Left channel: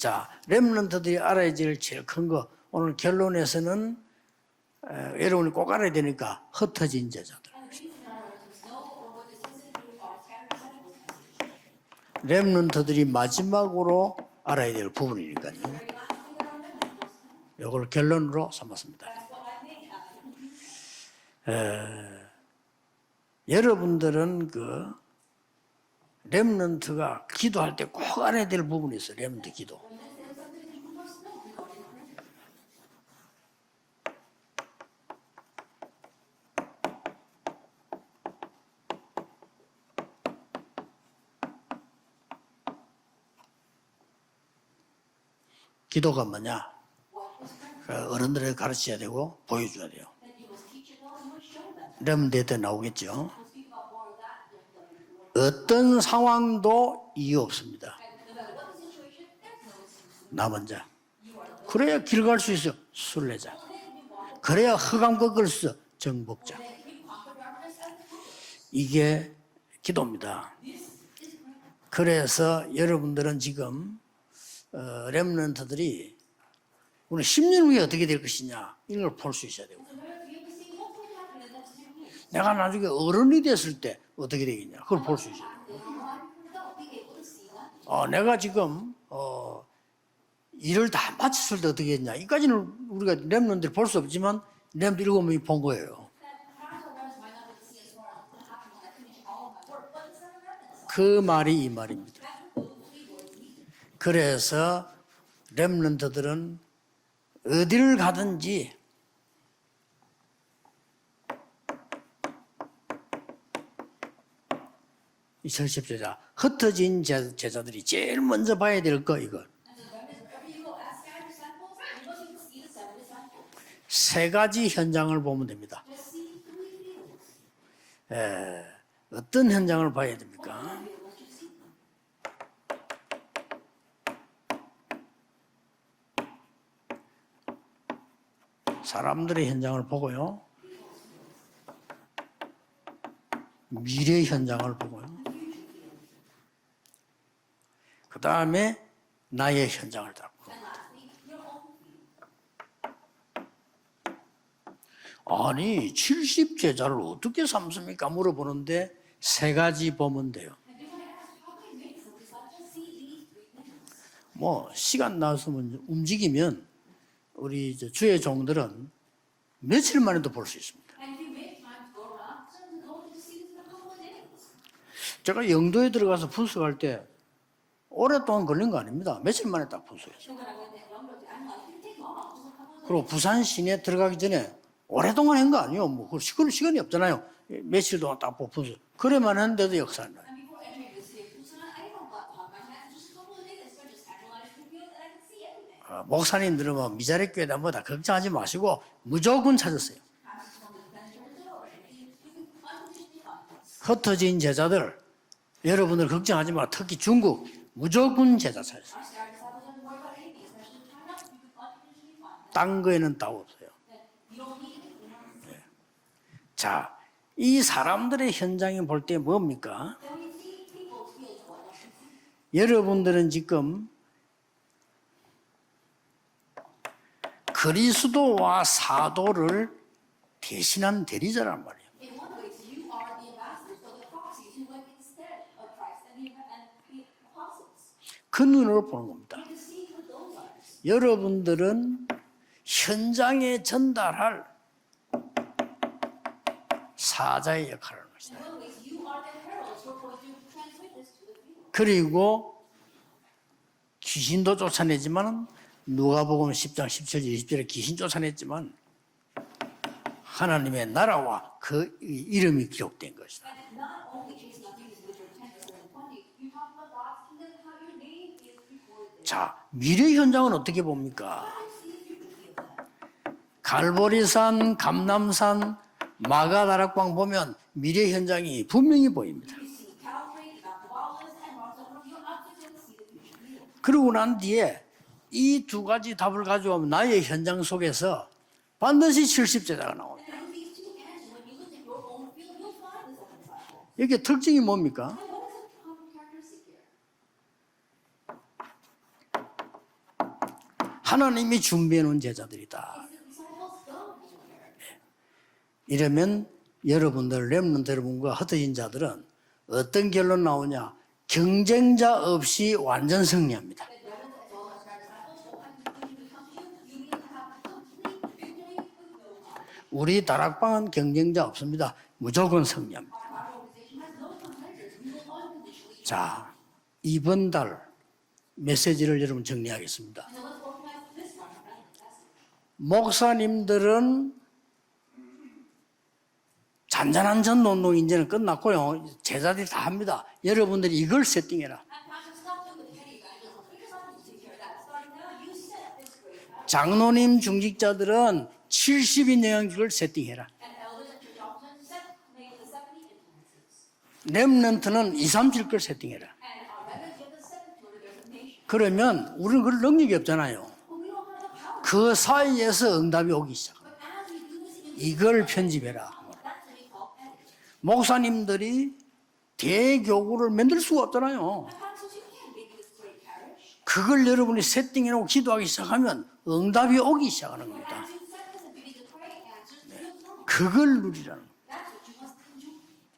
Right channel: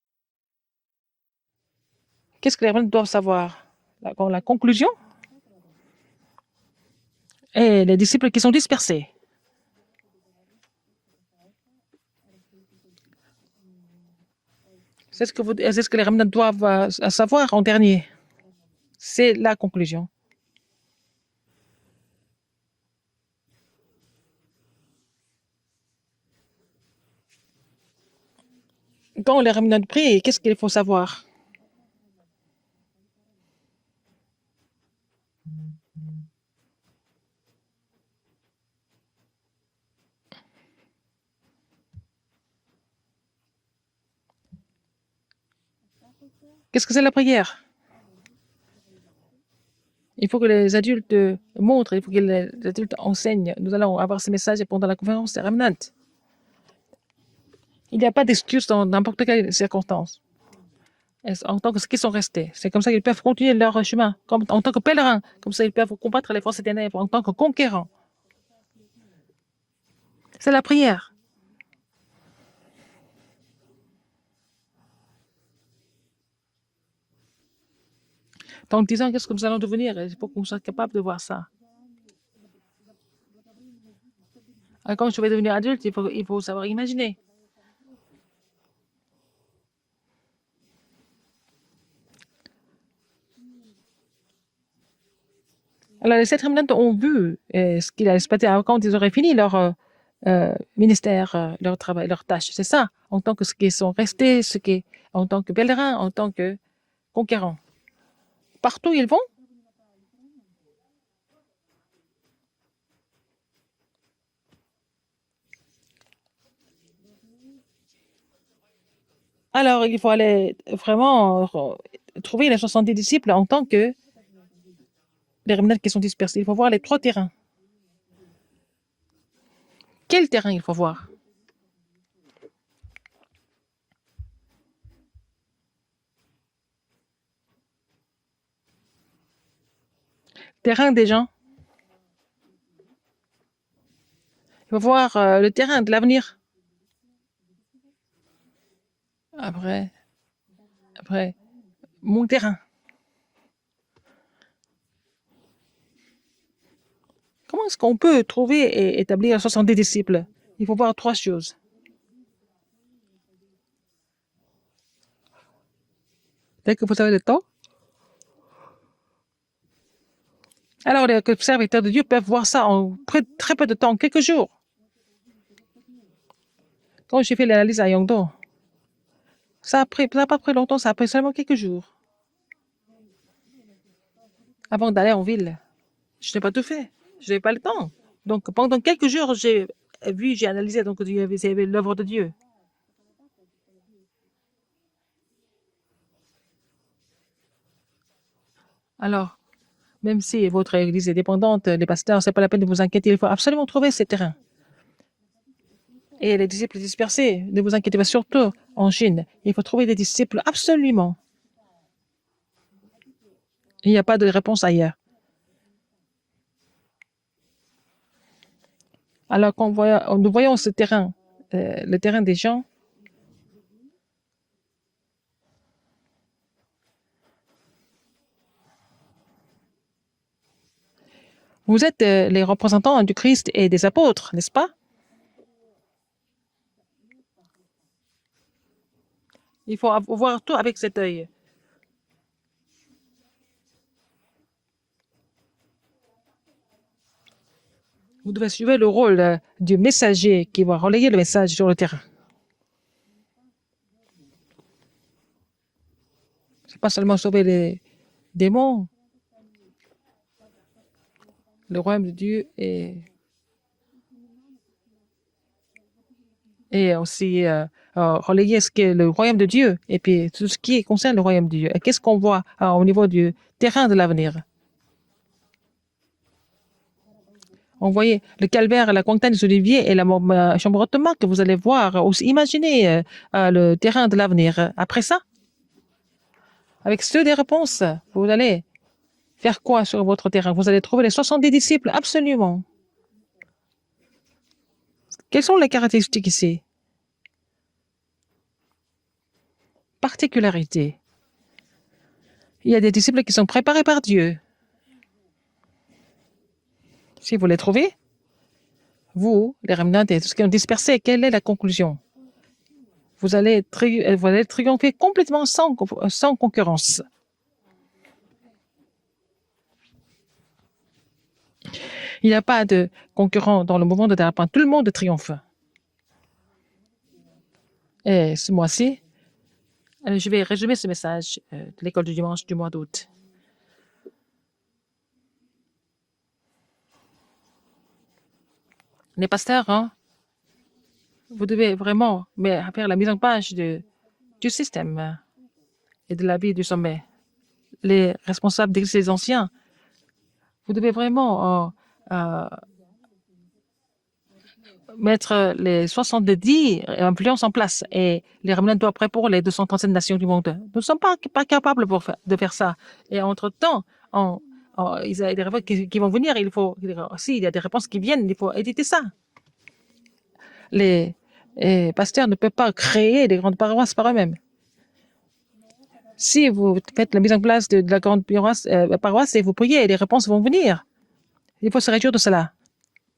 자, 렘넌트들이 알아야 될 제일 큰 거. Qu'est-ce que les 오늘 doivent savoir? 결론에서는 La conclusion 여러분이 꼭 알아야 되니까 흩어진 제자들. est les disciples qui sont dispersés. 렘넌트들이 마지막으로 알아야 될 C'est ce 부분입니다. c'est ce que les remnants doivent savoir en 이걸 dernier. 결론으로 삼았습니다. C'est la conclusion. 여러분들은 그 렘넌트가 기도할 때 꼭 알아야 될 부분이 있어요. Quand les remnants prient, qu'est-ce qu'il faut savoir? 기도가 뭐냐? Qu'est-ce que c'est la prière? 어른들에게 가르쳐야 되고 보여줘야 돼요. Il faut que les adultes montrent, il faut que les Remnant adultes 나오겠죠. enseignent. Nous allons avoir ces messages pendant la conférence des remnants. 어떤 상황도 이유 없습니다. Il n'y a pas d'excuse dans n'importe quelle circonstance. 남은 자. En tant que ceux qui sont 그래야 restés. 수 C'est 있어. comme ça qu'ils peuvent continuer leur chemin. Comme, en 그래야 tant que pèlerins. 흑암 Comme ça, ils peuvent combattre 꺾을 les forces des ténèbres en tant que conquérants. 이게 기도입니다. C'est la prière. 그래서 여러분들은 지금 렘넌트들이 오늘 10년 후에 어떻게 될 것이냐. Dans 10 ans, 이걸 qu'est-ce que 볼 nous 수 allons 있어요. devenir? Il faut qu'on soit capable de voir ça. 내가 나중에 어른이 됐을 때 어떻게 되겠냐. Et quand je vais devenir adulte, il faut savoir imaginer. 내가 지금 일을 다 마쳤을 때 어떻게 했냐. 이까지는 우리가 렘넌트들이 볼 수 없지만 렘넌트 7명이 본 거예요. Alors, les 7 remnants ont vu ce qu'il allait se passer quand ils auraient fini leur ministère, leur travail, leur tâche. C'est ça, en tant que ceux qui sont restés, en tant que pèlerins, en tant que conquérants. 어디를 가든지 Partout où ils vont, 이 설십제자 흩어진 제자들이 제일 먼저 봐야 될 거 이거. alors il faut aller vraiment trouver les 70 disciples en tant que 세 가지 현장을 보면 les 돼. remnants qui sont dispersés. Il faut voir les 3 terrains. 어떤 현장을 봐야 돼? Quel terrain il faut voir? 사람들의 현장을 보고요. Terrain des gens. 미래 현장을 Il faut 보고 voir le terrain de l'avenir. 그 다음에 나의 네. 현장을 다 보고. Après, mon terrain. 아니 70제자를 어떻게 Comment est-ce qu'on peut trouver et établir 70 disciples? Il faut voir 3 choses. 뭐 시간 나서면 움직이면 Dès que vous avez le temps, 우리 이제 주의 종들은 며칠 만에도 볼 수 있습니다. alors les serviteurs de Dieu peuvent voir ça en très peu de temps, quelques jours. 제가 영도에 들어가서 분석할 때 Quand j'ai fait l'analyse à Yangdo, 오랫동안 걸린 거 아닙니다. 며칠 만에. ça n'a pas pris longtemps, ça a pris seulement quelques jours. 그리고 부산 시내 들어가기 전에 Avant d'aller en 오랫동안 ville, 한 거 아니에요. 뭐 그걸 je n'ai pas tout 시간이 fait. 없잖아요. Je n'avais pas le temps. 며칠 동안 딱 Donc 보고 pendant quelques jours, 그럴만 j'ai 한데도 역사예요. vu, j'ai analysé, donc Dieu avait l'œuvre de Dieu. 목사님들은 뭐 미자리 교회다 뭐다 걱정하지 마시고 Alors, 무조건 찾았어요. Même si votre église est dépendante, les pasteurs, c'est pas la peine de vous inquiéter, il faut absolument trouver ces terrains. 흩어진 제자들 여러분들 Et les 걱정하지 마. disciples 특히 dispersés, 중국 ne vous inquiétez pas, 무조건 surtout 제자 찾아요. en Chine. Il faut trouver des disciples absolument. 딴 거에는 답 없어요. Il n'y a pas de réponse ailleurs. 자, 이 사람들의 현장에 볼 때 Alors quand 뭡니까? nous voyons ce terrain, le terrain des gens, 여러분들은 지금 그리스도와 사도를 대신한 대리자란 말이에요. vous êtes les représentants du Christ et des apôtres, n'est-ce pas? 그 눈으로 보는 겁니다. Il faut voir tout avec cet œil. 여러분들은 현장에 전달할 사자의 역할을 합니다. Vous devez jouer le rôle du messager qui va relayer le message sur le terrain. 그리고 귀신도 쫓아내지만 누가복음 10장 Pas seulement 10절 sauver 20절에 les 귀신 쫓아냈지만 démons, 하나님의 나라와 그 Le royaume de Dieu 이름이 est- 기록된 것이다. et aussi relayer ce qu'est le royaume de Dieu et puis tout ce qui concerne le royaume de Dieu. Et qu'est-ce qu'on voit au niveau du terrain de l'avenir? 갈보리산, 감남산, 마가다락방 보면 On 미래 voyait 현장이 le calvaire, la 분명히 montagne 보여요. des oliviers et la chambre haute de Marc que vous allez voir. Aussi, imaginez le terrain de l'avenir. Après ça, 이 두 가지 답을 가져오면 avec 나의 ceux des 현장 réponses, 속에서 vous allez 반드시 faire quoi 70제자. sur votre terrain? Vous allez trouver les 70 disciples, absolument. 이게 특징이 뭡니까? Quelles sont les caractéristiques ici? particularité. 하나님이 준비해 놓은 Il y a 제자들이다. des disciples qui sont préparés par Dieu. 이러면 Si 여러분들 vous les trouvez, 렘넌트 여러분과 흩어진 자들은 vous, les remnants 어떤 et ceux qui 결론 ont dispersé, 나오냐? quelle est la conclusion? 경쟁자 없이 완전 Vous allez, 승리입니다. vous allez triompher complètement sans concurrence. 우리 다락방은 경쟁자 없습니다. Il n'y a 무조건 pas de 승리합니다. concurrent dans le mouvement de Darapin. Tout le monde triomphe. 자, 이번 달 Et ce mois-ci, 메시지를 여러분 정리하겠습니다. je vais résumer ce message de l'école du dimanche du mois d'août. 목사님들은 잔잔한 전도운동 이제는 끝났고요. 네, 제자들이 다 pasteur, 합니다. 여러분들이 이걸 Vous devez 세팅해라. vraiment faire la mise en page du système et de la vie du sommet. 장로님 Les 중직자들은 responsables d'église 70인 anciens, 영역을 세팅해라. vous devez vraiment 렘넌트는 mettre 20, 30을 les 세팅해라. 70 influences en place et les remnants doivent prêts pour les 237 nations du monde. Nous ne sommes pas capables de faire ça. Et entre-temps, il y a des réponses qui vont venir. S'il y a des réponses qui viennent, il faut éditer ça. 대교구를 만들 Les 수가 없잖아요. pasteurs ne peuvent pas créer des grandes paroisses par 그걸 eux-mêmes. 여러분이 세팅해놓고 기도하기 시작하면 Si vous 응답이 faites la 오기 mise en 시작해요. place de la grande paroisse et vous priez, les réponses vont venir. 그걸 누리라는 Il faut se réjouir de cela.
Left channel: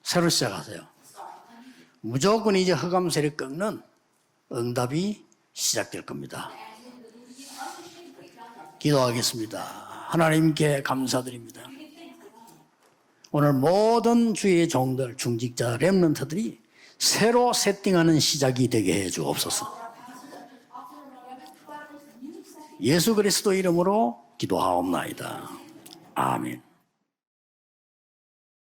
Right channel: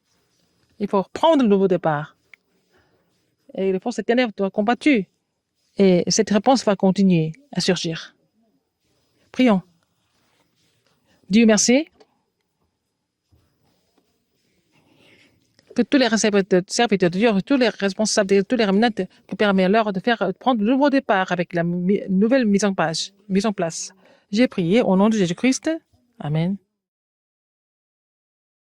새로 시작하세요. Il faut prendre le nouveau départ. 무조건 이제 흑암 세력 Et 꺾는 les forces ténèbres doivent être combattues. 응답이 Et cette 시작됩니다. réponse va continuer à surgir. 기도하겠습니다. Prions. 하나님께 감사드립니다. Dieu merci 오늘 모든 주의 종들, 중직자, que tous les 렘넌트들이 serviteurs de Dieu, 새로 tous les 세팅하는 responsables, tous les 시작이 remnants, 되게 해주옵소서. permet-leur de prendre le nouveau départ avec la nouvelle mise en place. 예수 Mise en 그리스도 place. 이름으로 J'ai prié au nom de 기도하옵나이다. Jésus-Christ. 아멘. Amen.